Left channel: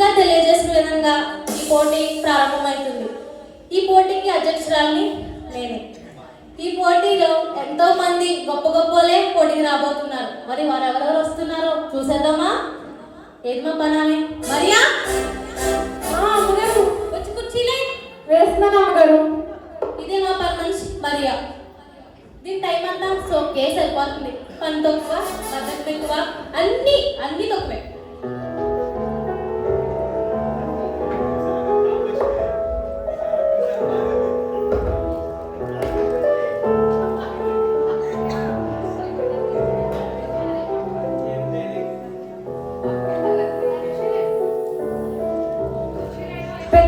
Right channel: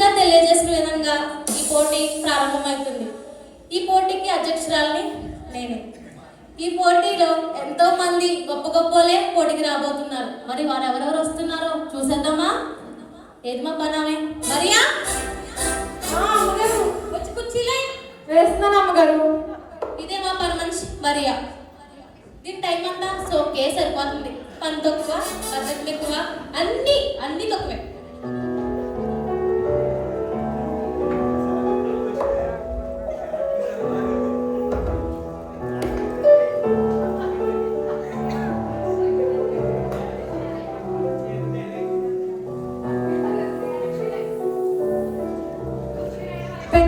ముందుగా తెలియజేసిన విధంగా ఈ పోటీ ప్రారంభమవుతుంది. ఈ పోటీకి అధ్యక్షురాలిని నేనే. ఈ పోటీలో ఎంతో మంది గొప్ప గొప్పలే పోటీకి రాబోతున్నారు. మరి వారు ఎవరెవరు వస్తున్నారో చూసేద్దామా? ఏది మా పనామే మరియా? అమ్మగారు వచ్చి కుర్చీలే వేస్తున్నాను అమ్మగారు. ఇది మా పని మనిషి మరియా. దీని టైం అంతా సోకే సరిపోతుంది. పని తక్కువ, బడ్జెట్ ఎక్కువ, అన్ని తక్కువే.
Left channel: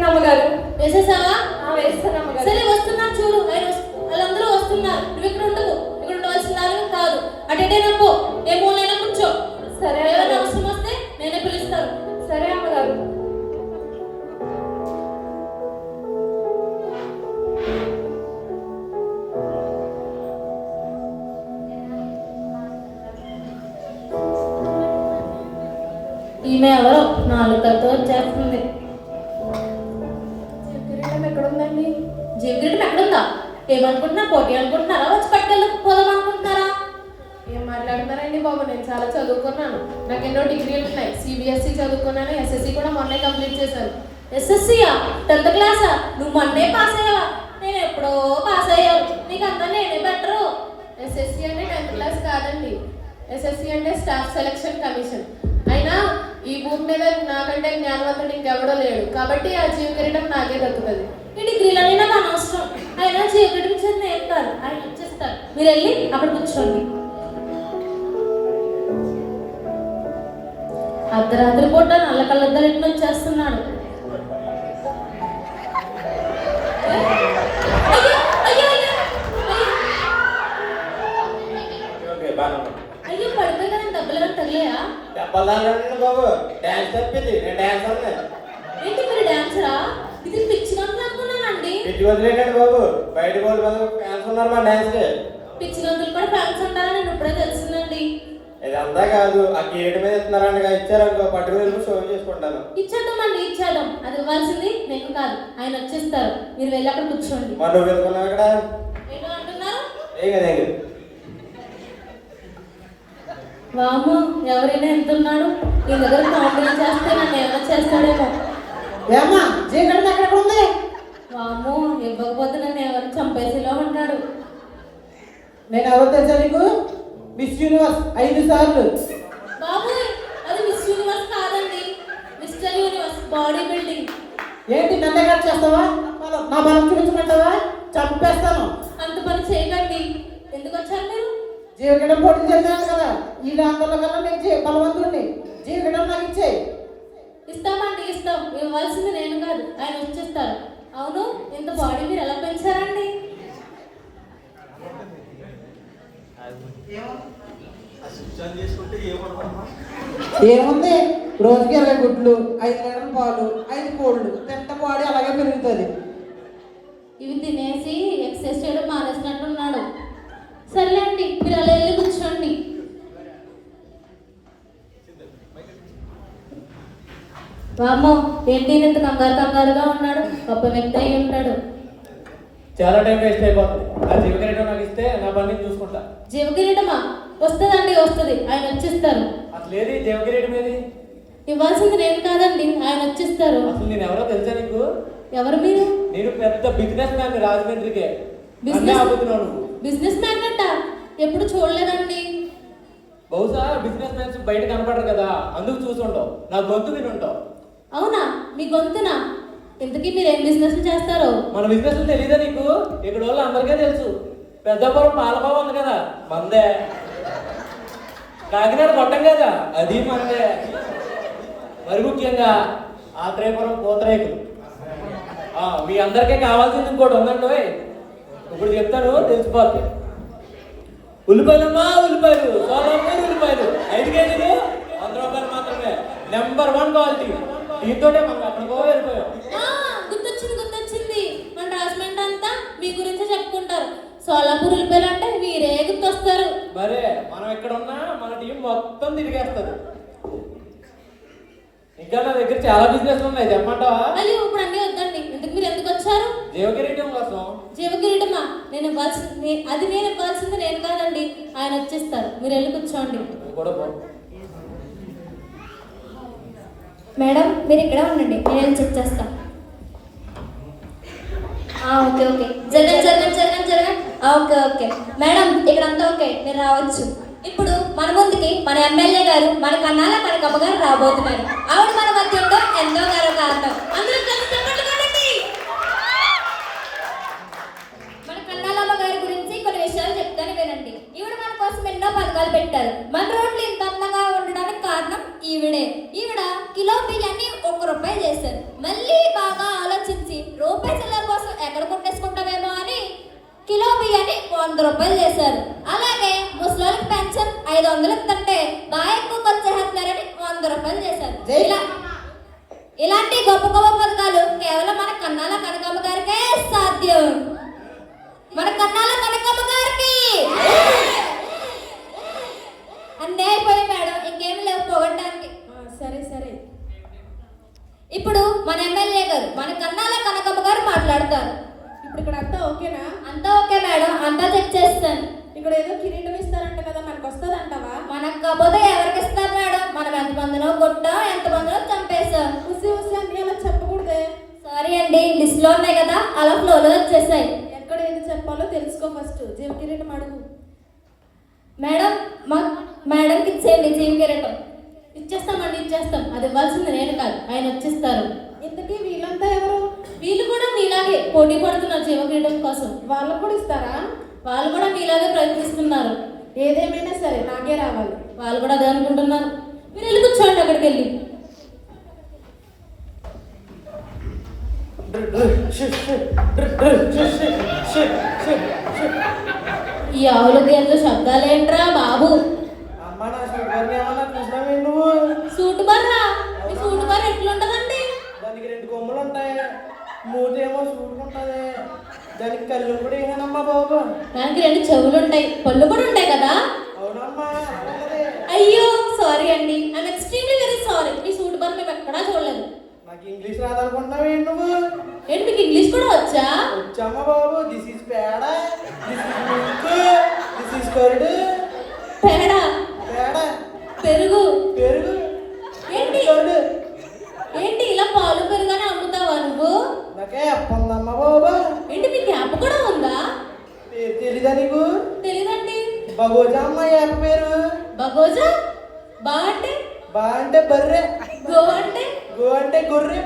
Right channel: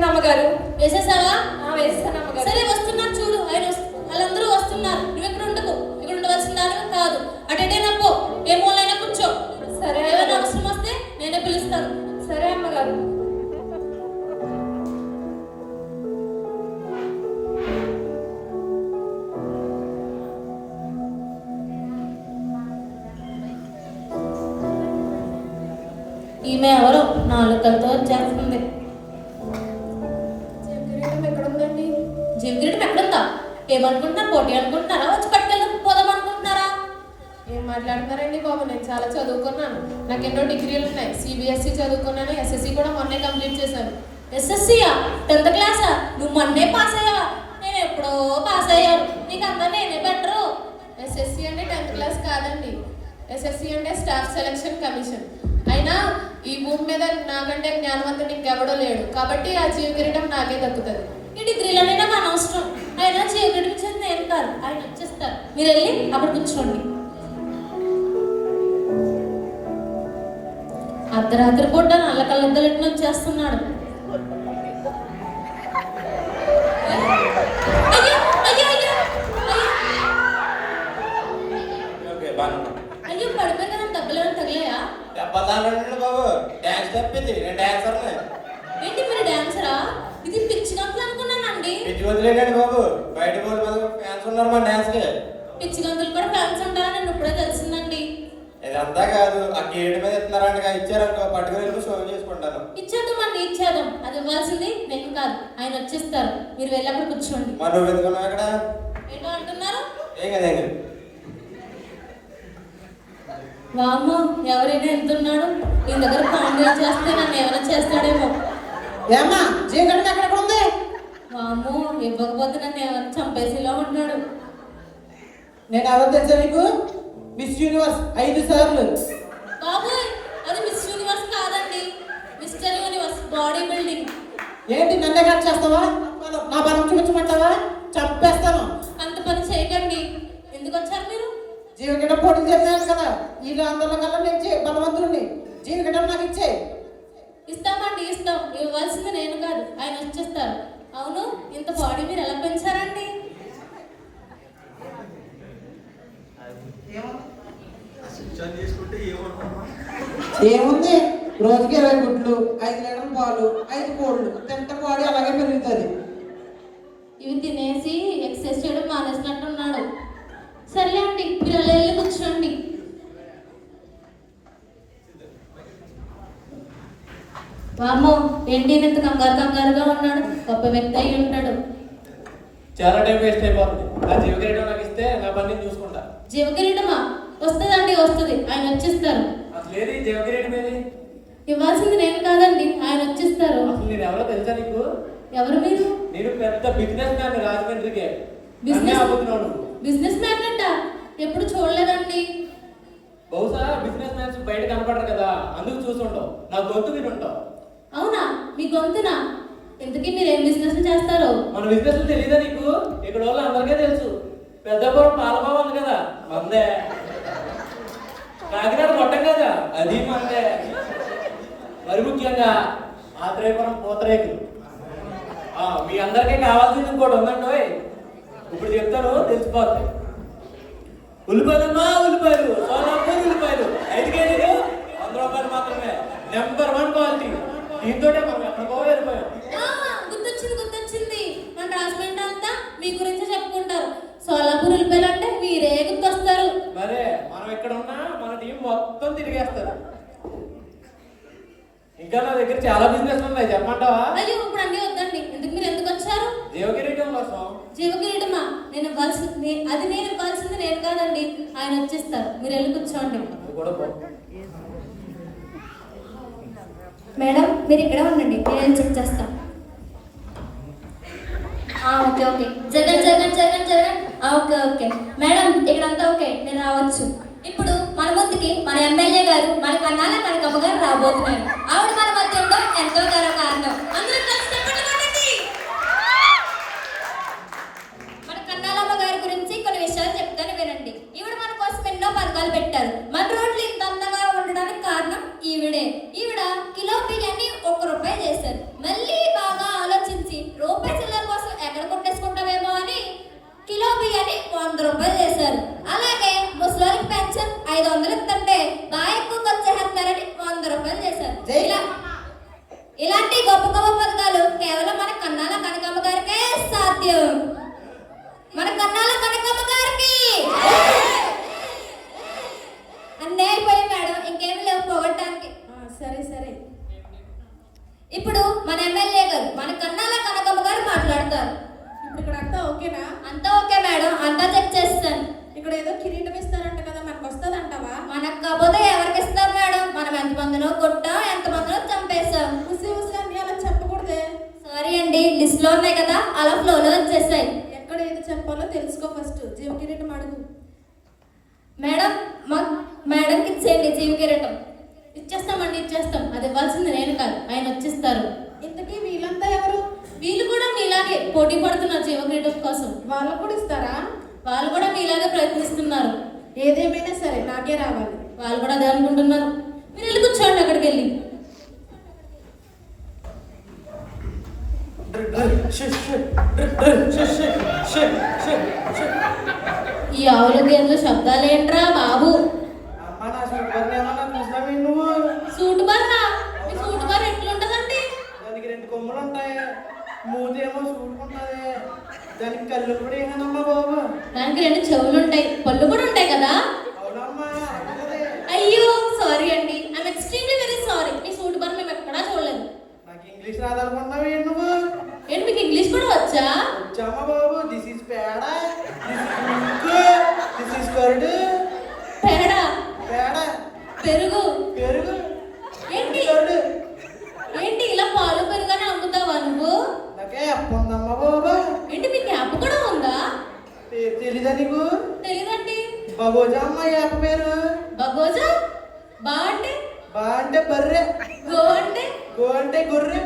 అమ్మగారు వేసేసావా? వేస్తాను అమ్మగారు. సరే వస్తున్నారు చూడు. వాళ్ళందరూ వస్తున్నారు. నువ్వు ఇక్కడ ఉండకు. ఇక్కడ ఉండవలసిన దాని కాదు. అటేనా పో. ఏ మూలైనా కూర్చో. సరే. ఏమైనా అవసరం వస్తే నేనే పిలుస్తాను. సరే అమ్మగారు. ఈమె ఎవరో నాలుగు కలతో వచ్చేస్తుంది. ఎక్కడుందండి? జీవితం ఎక్కడుందా? ఏమనుకుంటున్నా? పోటీ అనుకుంటున్నారా? వచ్చి పట్టుకెళ్ళి పోదాం అనుకుంటున్నారా? ఏం మాట్లాడతారండి బాబు? నేను చాలా చదువుకున్నాను. నాకు ఎన్నో డిగ్రీలు ఉన్నాయి. సిబిఎస్ఈ చదువుకున్నాను. ఎస్ఎస్సి కూడా మొన్నే కంప్లీట్ చేశాను. ఎస్ఎస్సియా? 10th క్లాసా? నువ్వు మొన్నే పాస్ అయ్యావా? నేను ఎప్పుడో పాస్ అయ్యాను. నీకు అంతా నేనే బెటరు. ఎస్ఎస్సి అంటే 10th క్లాస్ కాదండి. ఎస్ఎస్సి అంటే స్టాఫ్ సెలక్షన్ కమిషన్. అయినా ఈ భూమి మీద నాకంటే జ్ఞానవంతుడు ఇంకెవడో లేడు. కాబట్టి ఆ జీవితం నాకే దొరుకుతుంది. ఈ డిగ్రీలన్నీ నాకు అనవసరం. ఆయన చీకటికి చెంది ఏం కాదు. ఆయన వచ్చేస్తారు. మీరు వెళ్ళి అక్కడ కూర్చోండి. అర్ధరాత్రి పూట నల్ల కళ్ళద్దరింటి వచ్చేస్తున్నాడు. అయ్యో పడిపోయి కదా దెబ్బలు తగిలేయా? ఏంటి మీరు డాన్సరా? ఇది పిచ్చిగా అనుకున్నానండి. పిచ్చి గంతులు కూడా ఫ్యాన్స్ ఉండాలని నేను ఇప్పుడే తెలిసిందండి. ఇదంతా కాదు, ఆ గేట్ మీద ఇస్తున్నారంట ఇచ్చారనుకో, పట్టుకుని షో చేసుకుంటాను. ఇచ్చేద్దామండి, ఇచ్చేద్దాం. అది ఇవ్వాల్సింది నేను కాదు, ఆయన వచ్చేస్తారు. మీరు వెళ్ళి అక్కడ కూర్చోండి. నువ్వు వెళ్తున్నావు ఇక్కడ ఏంటో అంటున్నారు? ఏం వాము, ఎవరైనా వెళ్తున్నాడు. ఈ దగ్గర కాంప్లైంట్ చేస్తే నన్ను ఏమైనా చేస్తాడేమో. వాము, ఇవ్వకపోతే నన్ను ఎవరు చంపేసిలా ఉన్నాడు. నేను ఎవరు తెలుసా నీకు? మిస్ యూనివర్స్ 5 సార్లు. బాబు, అది మిస్ యూనివర్స్ కాదండి, మిస్టర్ యూనివర్స్ బాడీ బిల్డింగ్. ఏంటి నన్నే కట్ చేస్తావా? నా బలం చూపించమంటావా? చంపేస్తాను. అంత పని చేయకండి. ఎందుకు వచ్చారు మీరు? జీవితం పోటీ చేశాను కదా, ఈ రాత్రుల కల్లా నేను బలవంతుడిని. జీవితం నాకు ఇచ్చే. ఇస్తామండి, ఇస్తాం. ఇవ్వాల్సింది నేను కాదు, ఆయన వచ్చేస్తారు. అవును, ఇంత బాడీ మీరు ఎలా పెంచారండి? ఏముంది, రోజుకి 20 గుడ్లు, 5 లీటర్ల పాలు, 5 కోళ్ళు తింట బాడీ అలాగే పెరుగుతుంది. ఇవి తినేసి ఎక్సర్సైజ్ చేయడం మానేసినట్టున్నాడు. సరే అండి, మీరు అలా వెళ్ళి కూర్చోండి. వామ్మో, ఏంటి ఇంత కంగారుగా ఉన్నాడు? గొప్ప వ్యక్తి అయి ఉంటాడు. చాలా టైం వేస్ట్ అయిపోతుంది. ఆ జీవకిరీటం నాకు ఇస్తే నా పని చూసుకుంటా. జీవకిరీటమా? వస్తుందండి, వస్తుంది. ఆయన వచ్చేస్తారు. అసలు ఏది జీవకిరీటం ఏది? ఇవ్వాల్సింది నేను కాదండి, ఆయన వచ్చేస్తారు. అసలు నేను ఎవరో తెలుసా నీకు? ఎవరు మీరు? నేను పెద్ద బిజినెస్ మ్యాన్ రాజమండ్రికి. బిజినెస్ మ్యాన్ అంట? ఎప్పుడు చూడలేదండి. బహుశా బిజినెస్ మ్యాన్స్ బయట కనపడరు కదా, అందుకు చూసుంటావు. నా గొంతు వినుంటావు. అవునా? మీ గొంతునా? ఇంతకీ మీరు ఏం బిజినెస్ చేస్తారు? మన బిజినెస్ తెలీదా నీకు? ఇక్కడ వాళ్ళు అందరికీ తెలుసు. పెద్దపురం పాలబాబు ఉంది కదా, మందే. కాకినాడ కొట్టం కదా, అది మందే. మరి ముఖ్యంగా ఆత్రేయపురం పూతరేకులు. మీ అందరికీ కావాల్సింది ఇంకోటి ఉందండి. ఇప్పుడు చెప్తాను, తెలిసిపోతుంది. ఉల్లిపాయలమ్మా, ఉల్లిపాయలు, సోలాపూర్ ఉల్లిపాయలు 5 కేజీలు 100 రూపాయలు మాత్రమే. Number 1 quality. దీంతో మనం ఎక్కడికో వెళ్ళిపోయాం. గుర్తొచ్చింది. మన రాజమండ్రి అంతా మీ గురించి చెప్పుకుంటారు. సోలాపూర్ ఉల్లిపాయలు అంటే మీరే గుర్తొస్తారు. మరే మనం ఎక్కడ ఉన్నా మన టీం మొత్తం తిరిగేస్తారు. ఇంకా నా దగ్గర చాలా బిజినెస్ ఉన్నాయి, చెప్పమంటావా? అయ్యో ఇప్పుడు అన్నీ వద్దండి. మీరు ఎందుకు వచ్చారు? జీవకిరీటం కోసం. జీవకిరీటమా? నేను ఇవ్వాల్సింది నేను కాదండి, ఆయన వచ్చేస్తారు. మీరు వెళ్ళి కూర్చోండి. నువ్వు కూడా పో. మేడం మీరు ఇక్కడ ఉండండి, నేను చెక్ చేస్తాను. Okay okay, Jagan. Okay madam, ఇక్కడంతా ఓకే, నేను రావచ్చు. ఇప్పుడు మన ముందుకి మన ఎమ్మెల్యే గారు, మన కన్నాల కనకమ్మ గారు రాబోతున్నారు. ఆవిడ మన మధ్య ఉండడం ఎంతో కారణం. అందరూ కలిసి చప్పట్లు కొట్టండి. మన కన్నాలమ్మ గారి గురించి కొన్ని విషయాలు చెప్తాను, వినండి. ఈవిడ మన కోసం ఎన్నో పథకాలు పెట్టారు. మన రోడ్లు ఇంత అందంగా ఉండడానికి కారణం ఈవిడే. ఈవిడ కిలో బియ్యాన్ని ₹1 చేశారు. మళ్ళీ బాగా ఆలోచించి రూపాయి చిల్లర కోసం ఎక్కడ కొట్టేసుకుంటామేమో అని కిలో బియ్యాన్ని ₹100 చేశారు. అలాగే ముసలికి పెన్షన్ 500 ఇస్తుంటే బాగా ఎక్కువ ఖర్చు చేస్తున్నారని ₹100 చేశారు. ఇలాంటి గొప్ప పథకాలు కేవలం మన కన్నాల కనకమ్మ గారికే సాధ్యం. మన కన్నాల కనకమ్మ గారికి అన్నీ అయిపోయి మేడం, ఇంకేమి లేవు పోగొట్టడానికి. సరే. ఇప్పుడు మన ఎమ్మెల్యే గారు, మన కన్నాల కనకమ్మ గారు మాట్లాడతారు. ఇప్పుడు ఇక్కడ అంతా ఓకేనా? అంతా ఓకే మేడం, అంతా చెక్ చేస్తాను. ఇక్కడ ఏదో కిరీటం ఇస్తారంట కదా, మనకు వస్తుంది అంటావా? మనకు కాకపోతే ఎవరికి ఇస్తారు మేడం? మనం ఎంతమందినో కొట్టాం, ఎంతమందినో చంపేశాం. ఉసి అని అలా చెప్పకూడదే. సారీ అండి, లిస్ట్ లో ఉన్నాయి కదా, అలా ఫ్లోలో వచ్చేసాయి. ఎక్కడ ఏది చెప్పాలో తెలుసుకో ఫస్ట్. జీవ కిరీటం అడుగు. మేడంకి ఇచ్చేయండి జీవ కిరీటం. ఇచ్చేస్తాం. అది ఇవ్వాల్సింది నేను కాదు, ఆయన వచ్చేస్తారు. ఇంతకీ వీళ్ళంతా ఎవరు? వీళ్ళు కూడా మీలాగే పోటీ పడుతున్నారు జీవ కిరీటం కోసం. వాళ్ళకు కూడా ఇస్తారా? వాళ్ళు కూడా మీలాగే ప్రయత్నిస్తున్నారు. ఏదేమైనా సరే నాకే రావాలి. వాళ్ళు కూడా అదే అనుకుంటున్నారు. మీరు వెళ్ళి కూర్చోండి అక్కడికి వెళ్ళి. ఈ ఆవుల గేర్లో శబ్దాలేంట్రా బాబు? అమ్మ నా షుగర్ని ఏమన్నా చూసినావే నువ్వు? సూటు బర్రా, ఈ సూటు బర్ర ఎట్లుంటదండి? దానికి 2 కొమ్ములు ఉంటాయి, మూతేమో సూటుకుంటుంది. దానికి కళ్ళు కూడా ఏనమ్మా బాబు? దానికి 2 చెవులు ఉంటాయి, పళ్ళు కూడా ఉంటాయి కదా? అవునమ్మా, అవునది. అయ్యో సారీ అండి, ఐఎమ్ ఎక్స్ట్రీమ్లీ వెరీ సారీ. ఈ సూటు బర్ర మేము ఎక్కడా చూడలేదు. నాకు ఇంగ్లీష్ రాదనుకున్నావే నువ్వు? ఏంటి మీకు ఇంగ్లీష్ కూడా వచ్చా? వచ్చామా బాబు? దిస్ ఈజ్ పేడ, this is milk, this is curd. పేడ, పేడ, పెరుగు. పెరుగు, ఏంటి కర్డ్. ఏంటి ఇలా పాలు పెరుగానే అమ్ముతావా నువ్వు? నాకే అప్పుందమ్మా బాబు. ఏంటి మీకు యాప్ కూడా ఉందా? పేరు తెలీదా నీకు? తెలియదండి. బగోజా అమ్మ యాప్ పేరు. బగోజా? బా అంటే? బా అంటే బర్రె, గో అంటే? గో అంటే గొర్రె.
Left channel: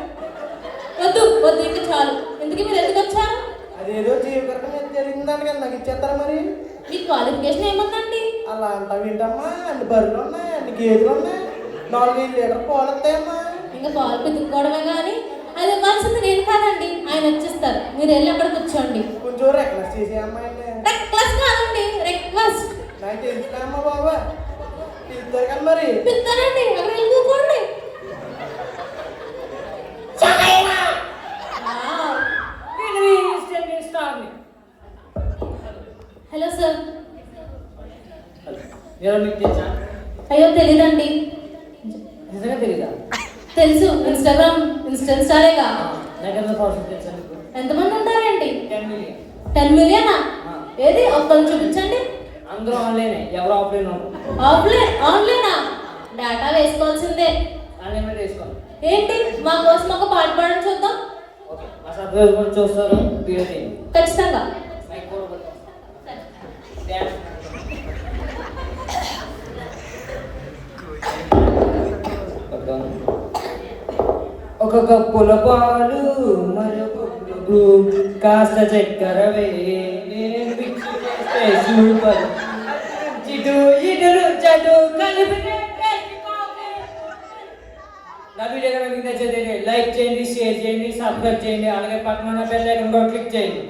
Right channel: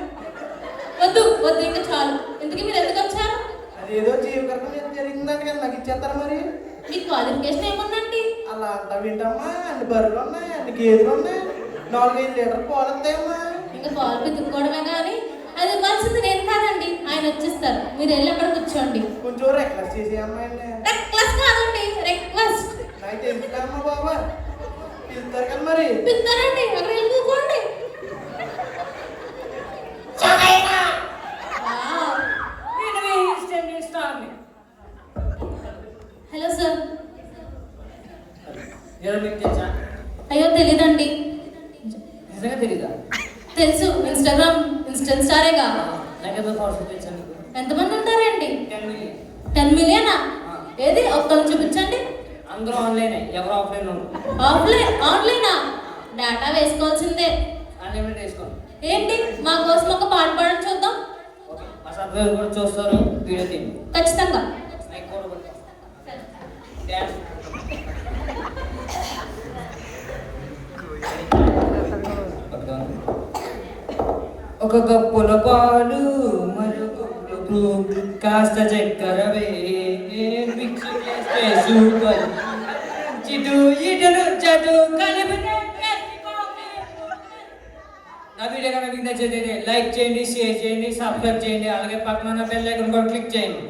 వద్దు ఇంకా చాలు. ఎందుకు మీరు ఎందుకు వచ్చారు? అదేదో జీవితం మీద జరిగిందని కదా నాకు ఇచ్చేస్తారా మరి? మీ క్వాలిఫికేషన్ ఏముందండి? అలా అంటా వింటమ్మా, అన్ని బర్రెలు ఉన్నాయి, అన్ని గేదెలు ఉన్నాయి, 4-5 లీటర్లు పాలు వస్తాయమ్మా. ఇంకా పాలు పితుక్కోవడమే కానీ అది ఇవ్వాల్సింది నేను కాదండి, ఆయన వచ్చేస్తారు. మీరు వెళ్ళి అక్కడ కూర్చోండి. కొంచెం రిక్వెస్ట్ చేసే అమ్మాయిని. రిక్వెస్ట్ కాదండి, రిక్వెస్ట్. నాకు తెలుసు కదమ్మా బాబా, పిలుస్తారు కదా మరి. పిలుస్తారండి, అక్కడ వెళ్ళి కూర్చోండి. Hello sir. ఎవరు నీకు తెలుసా? అయ్యో తెలీదండి. నిజంగా తెలీదా? తెలుసు, ఇన్స్టా స్టారేగా. నాకెంత పర్సెంట్ తెలుసా నీకు? ఎంతమంది ఉంటారేంటి? 10 million. 10 మిలియనా? ఏది ఒక్కరు చూపించండి. అందరూ ఆన్లైనే, ఎవరు ఆఫ్లైన్? ఆన్లైనా? డేటా వేసుకోవాల్సిందే. అన్లిమిటెడ్ వేసుకోండి. ఏంటి మా కోసం ఒక పాట పాడడం చూద్దాం. ఓకే, మా సబ్స్క్రైబర్ కూడా చూస్తారు, వీడియో తీయండి. ఖచ్చితంగా. మైక్ కూడా పట్టుకోండి. ఒక కప్పుల పాలు మరొక కప్పులకు కాస్త చక్కెర మిక్స్ చేస్తే సూపర్. ఇటు ఇటలు చటు కలిపితే నా వీడియో కనుక మీకు నచ్చితే లైక్ చేయండి, షేర్ చేయండి, సబ్స్క్రైబ్ చేయండి, అలాగే పక్కన ఉన్న బెల్ ఐకాన్ కూడా క్లిక్ చేయండి.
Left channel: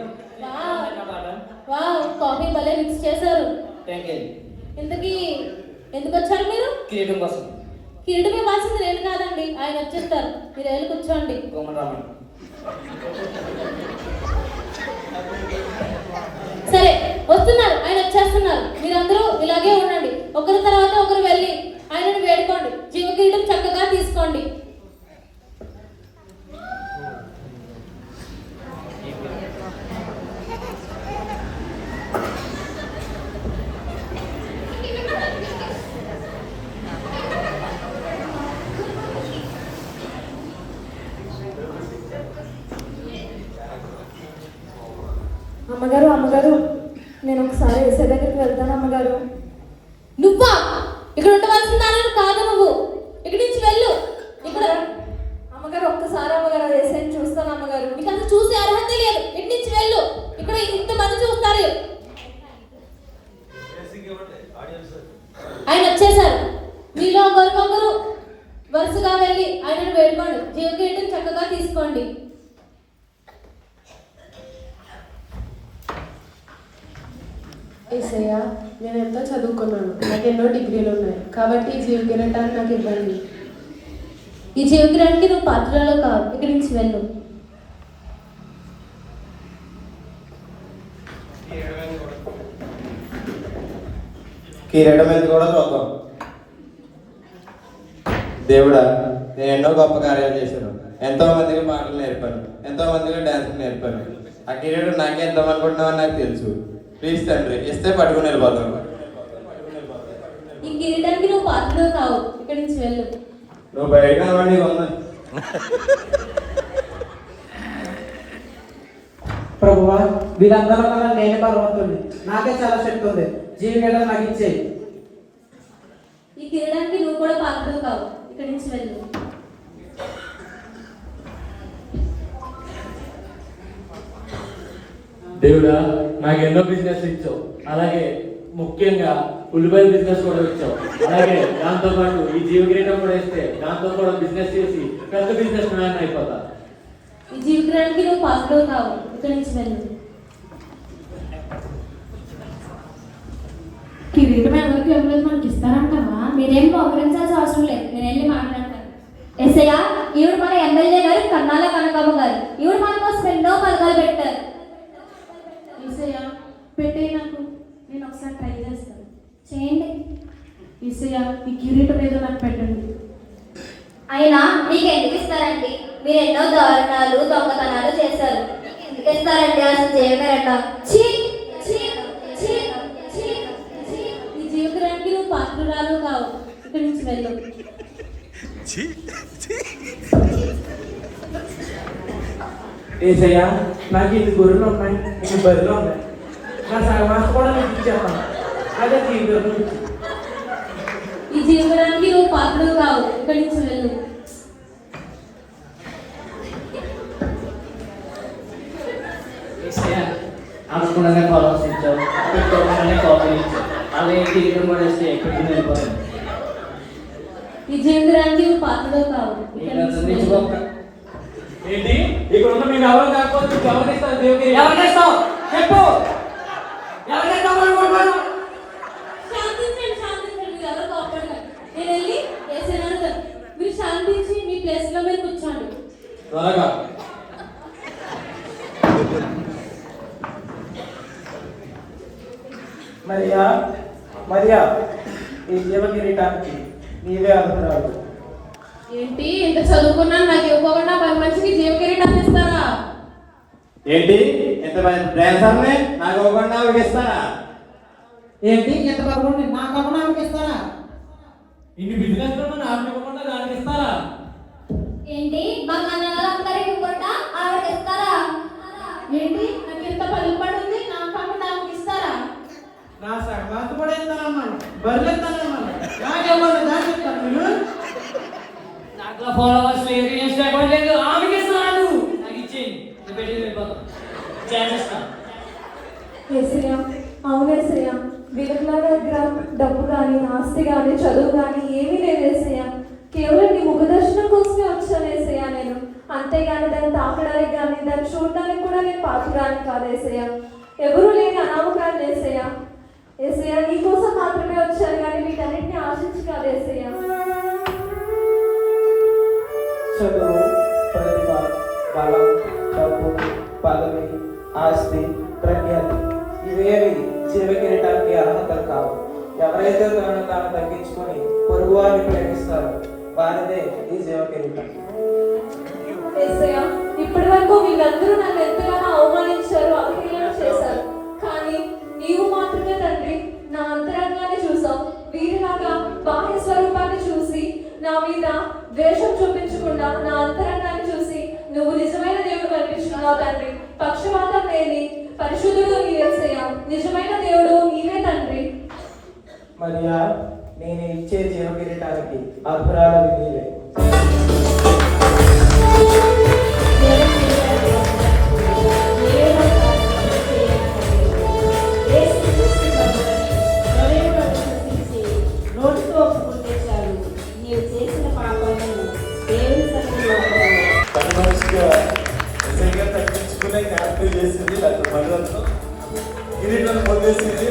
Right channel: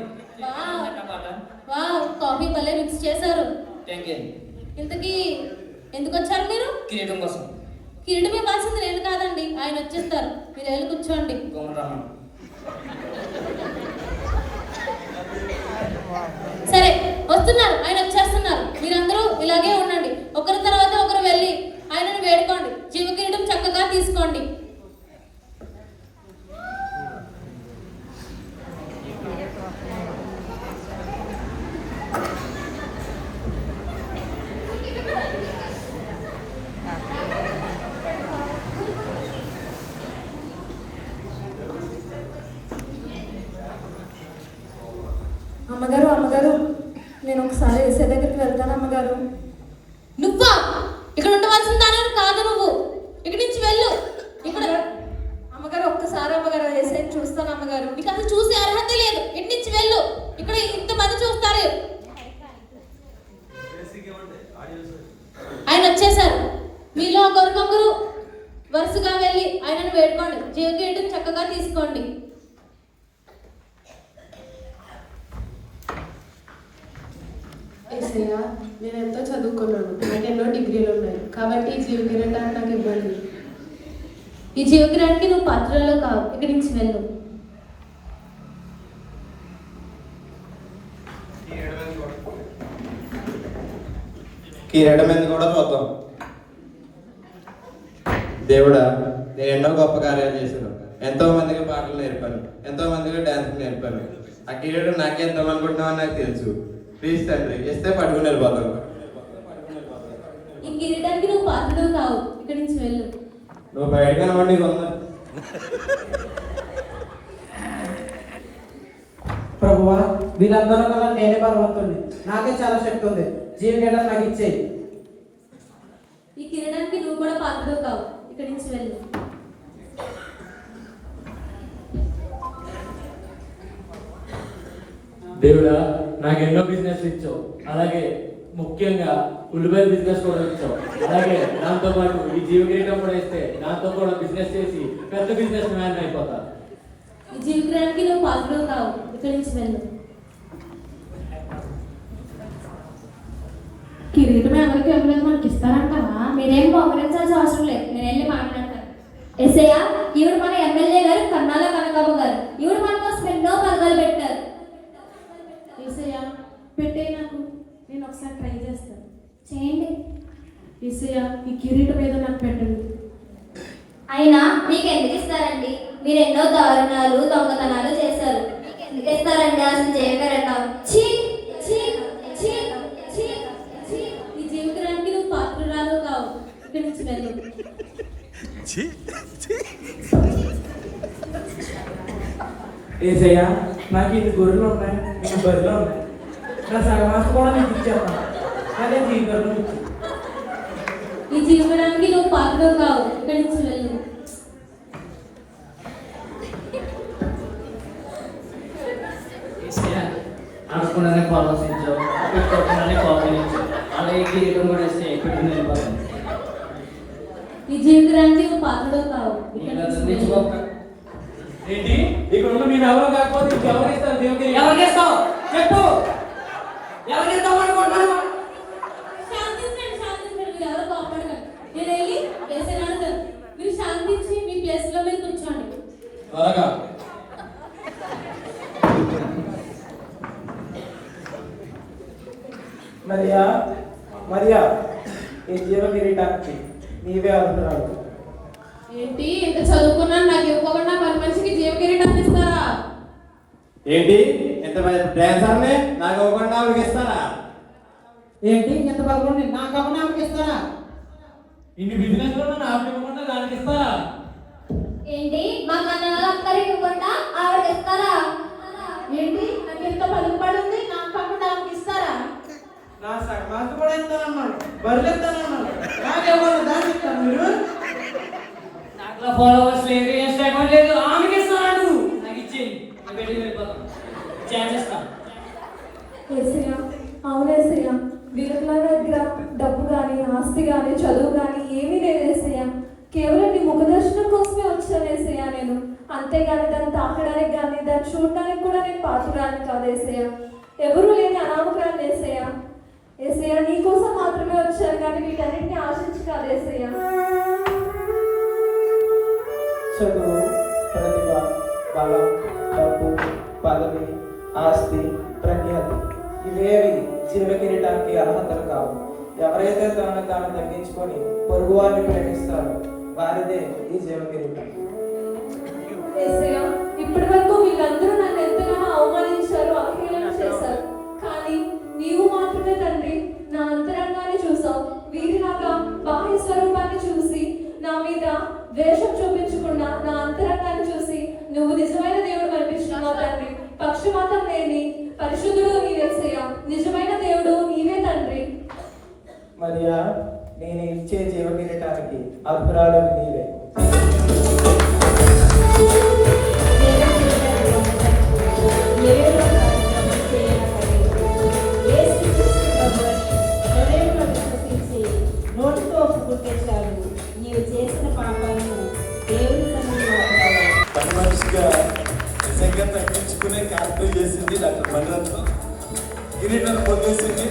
వావ్, కాఫీ భలే మిక్స్ చేశారు. Thank you. ఇంతకీ ఎందుకు వచ్చారు మీరు? కిరీటం కోసం. కిరీటం ఇవ్వాల్సింది నేను కాదండి, ఆయన వచ్చేస్తారు. మీరు వెళ్ళి కూర్చోండి. కోమరామన్. సరే వస్తున్నారు, ఆయన వచ్చేస్తున్నారు. మీరందరూ ఇలాగే ఉండండి, ఒకరి తర్వాత ఒకరు వెళ్ళి ఆయనను వేడుకోండి. జీవ కిరీటం చక్కగా తీసుకోండి. ఏసయ్యా, నేను ఎంతో చదువుకున్నాను, నాకు ఎన్నో డిగ్రీలు ఉన్నాయి, కాబట్టి ఈ జీవితం వినడానికి నాకు ఇబ్బంది. ఈ జీవితానికి నువ్వు పాత్రలో కావు, ఇక్కడి నుంచి వెళ్ళు. కిరీటం మీద కూడా చూద్దాం. దేవుడా, నేను ఎన్నో గొప్ప కార్యాలు చేశాను, ఎంతో మందికి పాటలు నేర్పాను, ఎంతో మందికి డాన్స్ నేర్పాను. ఆ కిరీటం నాకే ఎంత అనుకుంటున్నావు నాకు తెలుసు. ప్లీజ్ తండ్రి, ఇస్తే పట్టుకుని వెళ్ళిపోతాను. ఈ కిరీటానికి నువ్వు పాత్రలో కావు, ఇక్కడి నుంచి వెళ్ళు. నువ్వు బయట కనబడి ఉన్నా. ప్రభువా, వీళ్ళందరూ కన్నా నేనే బలవంతుడిని, నాకే చాలా శక్తి ఉంది. జీవితం నాకు ఇచ్చేయి. ఈ కిరీటానికి నువ్వు కూడా పాత్రలో కావు, ఇక్కడి నుంచి వెళ్ళు. దేవుడా, నాకు ఎన్నో బిజినెస్ ఇచ్చావు, అలాగే ముఖ్యంగా ఉల్లిపాయల బిజినెస్ కూడా ఇచ్చావు. అలాగే దాంతో పాటు ఈ జీవకిరీటం కూడా ఇస్తే దాంతో కూడా బిజినెస్ చేసి పెద్ద బిజినెస్ మ్యాన్ అయిపోతా. ఈ జీవితానికి నువ్వు పాత్రలో కావు, ఇక్కడి నుంచి వెళ్ళు. కిరీటం ఎవరికి ఇవ్వలేదు, మనకి ఇస్తారంటావా? మీరేం బహుకరించాల్సిన అవసరం లేదు, నేను వెళ్ళి మాట్లాడతాను. ఎస్ఐ, ఈవిడ మన ఎమ్మెల్యే గారు కన్నాల కనకమ్మ గారు. ఈవిడ మన కోసం ఎన్నో పథకాలు పెట్టారు. ఏసయ్యా, పెట్టే నాకు, నేను ఒకసారి ట్రై చేస్తాను. చేయండి. ఏసయ్యా, ఈ కిరీటం ఏదో నాకు పెట్టండి. అయినా మీకు ఎందుకు ఇస్తారండి? మీరు ఎన్నో దారుణాలు దొంగతనాలు చేశారు, మీకు ఎందుకు ఇస్తారండి? అసలు చేయమేరట. ఛీ ఛీ ఛీ ఛీ ఛీ. ఈ జీవితానికి నువ్వు పాత్రురాలు కావు, ఇక్కడి నుంచి వెళ్ళు. ఏసయ్యా, నాకు ఇన్ని గొర్రెలు ఉన్నాయి, ఇన్ని బర్రెలు ఉన్నాయి, నా సగమాస కూడా నీకు ఇచ్చేస్తాను. అదే జీవితం. ఈ జీవితానికి నువ్వు పాత్రలు కావు, ఇక్కడి నుంచి వెళ్ళు. అనుకున్నదే ఆలోచించావు, పెట్టుకోకుండానే కోపగించావు, అదే కిరీటం కూడా ఇస్తే ఎక్కడికి వెళ్ళిపోతాను. ఈ జీవితానికి నువ్వు పాత్రలు కావు, ఇక్కడి నుంచి వెళ్ళు. ఏంటి ఇక్కడ ఉన్న నేను ఎవరో కాకపోతే ఎవరిస్తాను? దేవుడికి ఎవరికేస్తావు చెప్పు. ఎవరికేస్తావు అనుకుంటున్నాను? శాంతించండి, శాంతించండి, మీరు ఎవరు కోపడకండి. నేను వెళ్ళి ఎస్ఐ అడుగుతాను. మీరు శాంతించి మీ ప్లేస్ లో వెళ్ళి కూర్చోండి. త్వరగా. మరియా, మరియా, ఈ జీవ కిరీటానికి నీవే అర్హురాలు. ఏంటి, ఇంత చదువుకున్నాను, నాకు ఇవ్వకుండా పని మనిషికి జీవ కిరీటం ఇస్తారా? ఏంటి ఎంత డాన్సర్ని నాకు ఇవ్వకుండా ఇస్తారా? ఏంటి ఎంత బలవంతుడి, నా కమనానికి ఇస్తారా? ఇన్ని బిజినెస్ నాకు ఇవ్వకుండా దానికి ఇస్తారా? ఏంటి, మా కన్నగారికి ఇవ్వకుండా ఆవిడకి ఇస్తారా? ఏంటి, నాకు ఇంత పని పడుతుంది, నా కాకుండా ఇస్తారా? నా సగమాస కూడా ఇస్తానన్నాడు, బర్రెలు ఇస్తానన్నాడు, నాకెవరు దాన్ని ఇస్తారు మీరు? దాంట్లో ఫాలోవర్స్ లేదు, ఇన్స్టాగ్రామ్ లేదు, ఆమెకి ఇస్తారా? నువ్వు నాకు ఇచ్చేయి, నేను పెట్టి వెళ్ళిపోతాను, చేసేస్తాను. ఏసయ్య, అవును ఏసయ్య, వీళ్ళకి నా దగ్గర డబ్బు కానీ ఆస్తి కానీ చదువు కానీ ఏమీ లేదు ఏసయ్య. కేవలం నీ ముఖ దర్శనం కోసమే వచ్చాను ఏసయ్య నేను. అంతేగాని దాన్ని తాకడానికి కానీ దాన్ని చూడడానికి కూడా నేను పాత్రగాని కాదు ఏసయ్య. ఎవరూ లేని అనామకాన్ని ఏసయ్య. ఏసయ్య, నీ కోసం మాత్రమే వచ్చాను కానీ వీటన్నింటినీ ఆశించి కాదు ఏసయ్య. చదువు, ప్రతిభ, బలం, డబ్బు, పదవి, ఆస్తి, ప్రఖ్యాతి ఇవేవి జీవ కిరీటానికి అర్హతలు కావు. ఎవరైతే తనను తాను తగ్గించుకొని పొరుగు వారిని ప్రేమిస్తారో వారిదే ఈ జీవ కిరీటం. ఏసయ్య, ఇప్పటి వరకు వీళ్ళందరూ నన్ను ఎంతగానో అవమానించారు, అవహేళన చేశారు. కానీ నీవు మాత్రమే తండ్రి నా అంతరంగాన్ని చూసావు. వీరిలాగా బాహ్య స్వరూపాన్ని చూసి నా మీద ద్వేషం చూపించకుండా నా అంతరంగాన్ని చూసి నువ్వు నిజమైన దేవుడు అనిపించుకున్నావు తండ్రి. పక్షపాతం లేని పరిశుద్ధుడు నీవే యేసయ్య. నిజమైన దేవుడు నీవే తండ్రి. మరియా, నేను ఇచ్చే జీవ కిరీటానికి అర్హురాలు నీవే. తగ్గించుకునే క్యారెక్టర్ చేసింది డాక్టర్ మనోజ్. కిరీటం పొందేసింది.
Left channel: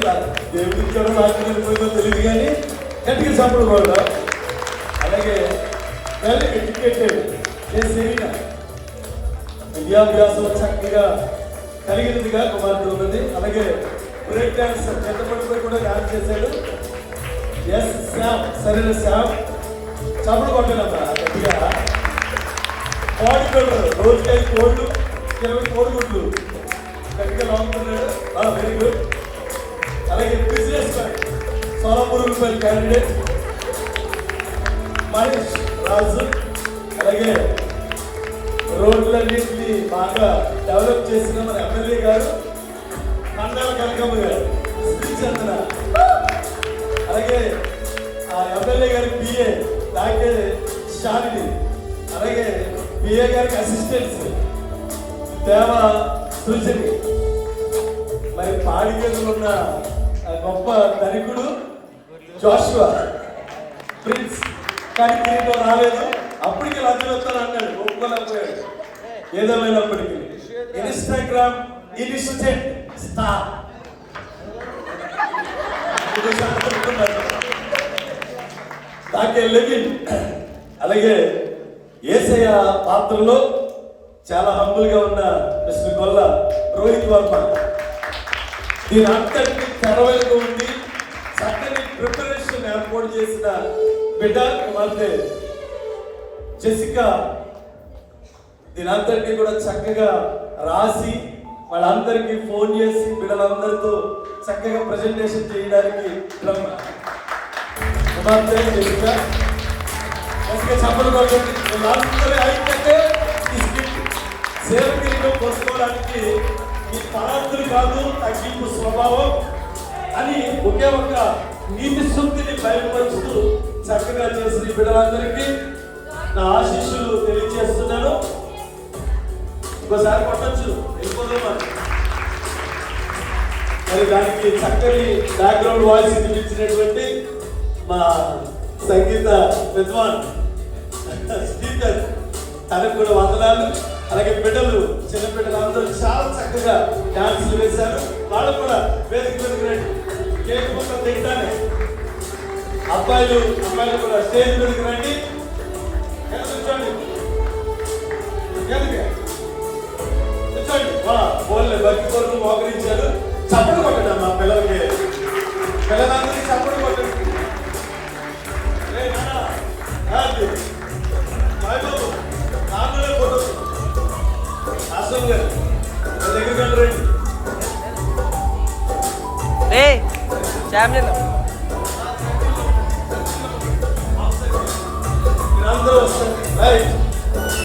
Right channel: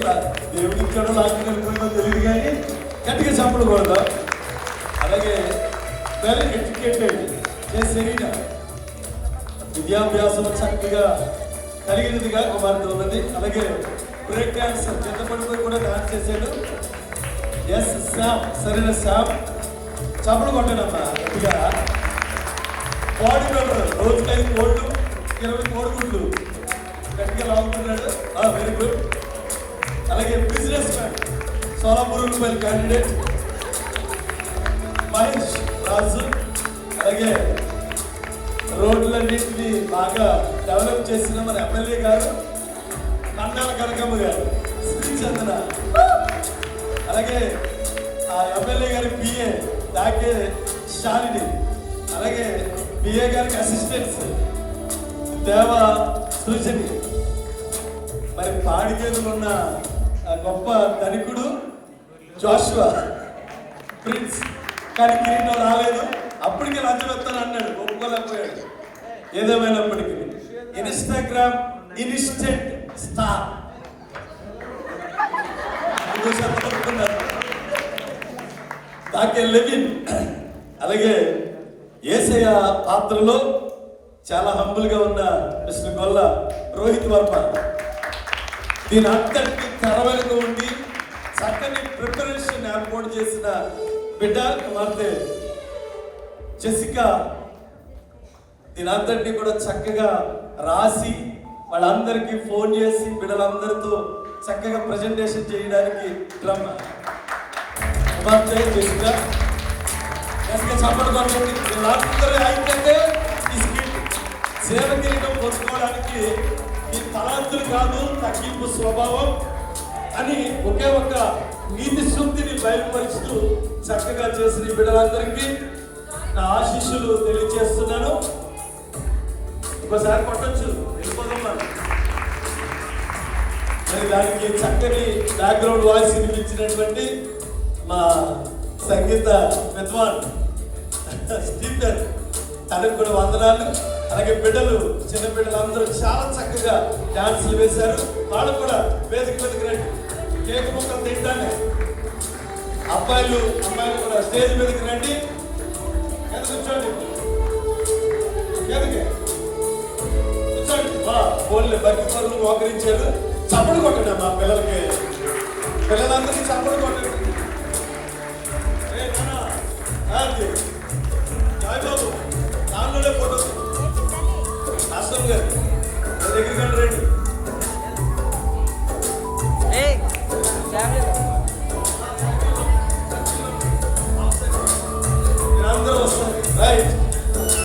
దేవుడికి ఎక్కడ ఆకలిపోయిందో తెలియదు కానీ గట్టిగా చప్పుడు కూడా. అలాగే వెల్ ఎడ్యుకేటెడ్ చేసిన విద్యాభ్యాసం చక్కగా కలిగినదిగా కుమార్తె ఉన్నది. అలాగే బ్రేక్ డాన్స్ పెద్ద కొడుకు కూడా డాన్స్ చేశాడు. ఎస్ శ్యామ్, సరైన శ్యామ్ చప్పుడు కొట్టాలమ్మా గట్టిగా. పాటు పెడతారు రోజుకి 5 కోట్లు 20 కోట్లు గట్టిగా బాగుంటున్నాడు. Very good. అలాగే business man Solapur candidate Mahesh Raju. అలాగే రోడ్లన్నింటినీ బాగా డెవలప్ చేసిన మన ఎమ్మెల్యే గారు మండల కనకమ్మ గారు శ్రీచంద్ర. అలాగే ఎమ్మెల్యే గారి పిఏ డాక్టర్ శాలిని. అలాగే పిఏ గారికి అసిస్టెంట్స్ దేవ సృజని. మరి పాడికేలో ఉన్న గొప్ప ధనికుడు జోషువా ప్రిన్స్. కానీ కిరీటం రాలేదు. అప్పటికి లంచం వస్తానన్నాడు, ఒప్పుకోలేకపోయాడు. ఏదేమైనప్పటికీ ఇన్స్టాగ్రామ్ ఇన్స్టెంట్ స్టార్ నాకే లెవిన్. అలాగే యేసయ్య పాత్రలో చాలా హంబుల్ గా ఉన్న మిస్టర్ గొల్ల రోహిత్ వర్మ. దీని అంతటిని తెరవెలుగు ఉండి చక్కని ప్రిపరేషన్ ఏర్పాటు చేసిన బిడ్డ కుమార్తె జెసికా. దీని అంతటిని కూడా చక్కగా రాసి వాళ్ళందరికీ ఫోన్ చేసి బిడ్డలందరితో చక్కగా ప్రజెంటేషన్ చేయడానికి బ్రహ్మ కుమార్తె జెసికా. చెప్పలు అందరూ అయితే సేవ కిరీటం పోసుకోవడానికి ఈ తలాంతులు కాదు, తగ్గింపు స్వభావం అని ఒకే ఒక నీతి శుద్ధిని బయలుపరుస్తూ చక్కగా చేసిన బిడ్డలందరికీ నా ఆశీస్సులు తెలియజేస్తున్నాను. ఇంకోసారి కొట్టచ్చు మరి దానికి చక్కని బ్యాక్గ్రౌండ్ వాయిస్ వినిపించినటువంటి మా సంగీత విద్వాన్ స్పీకర్ తనకు కూడా వందనాలు. అలాగే బిడ్డలు చిన్న బిడ్డలు అందరూ చాలా చక్కగా డాన్సులు వేశారు. వాళ్ళు కూడా వేదిక మీదకి లేకపోతే తింటాను. అబ్బాయిలు కూడా స్టేజ్ మీదకి రండి. కూర్చోండి ఫోన్లు భక్తితో మోకరించారు. చప్పుడు కొట్టండి మా పిల్లలకి. పిల్లలందరికీ చప్పుడు కొట్టండి. నాన్నలే పోతుంది అసలు దగ్గర రండి.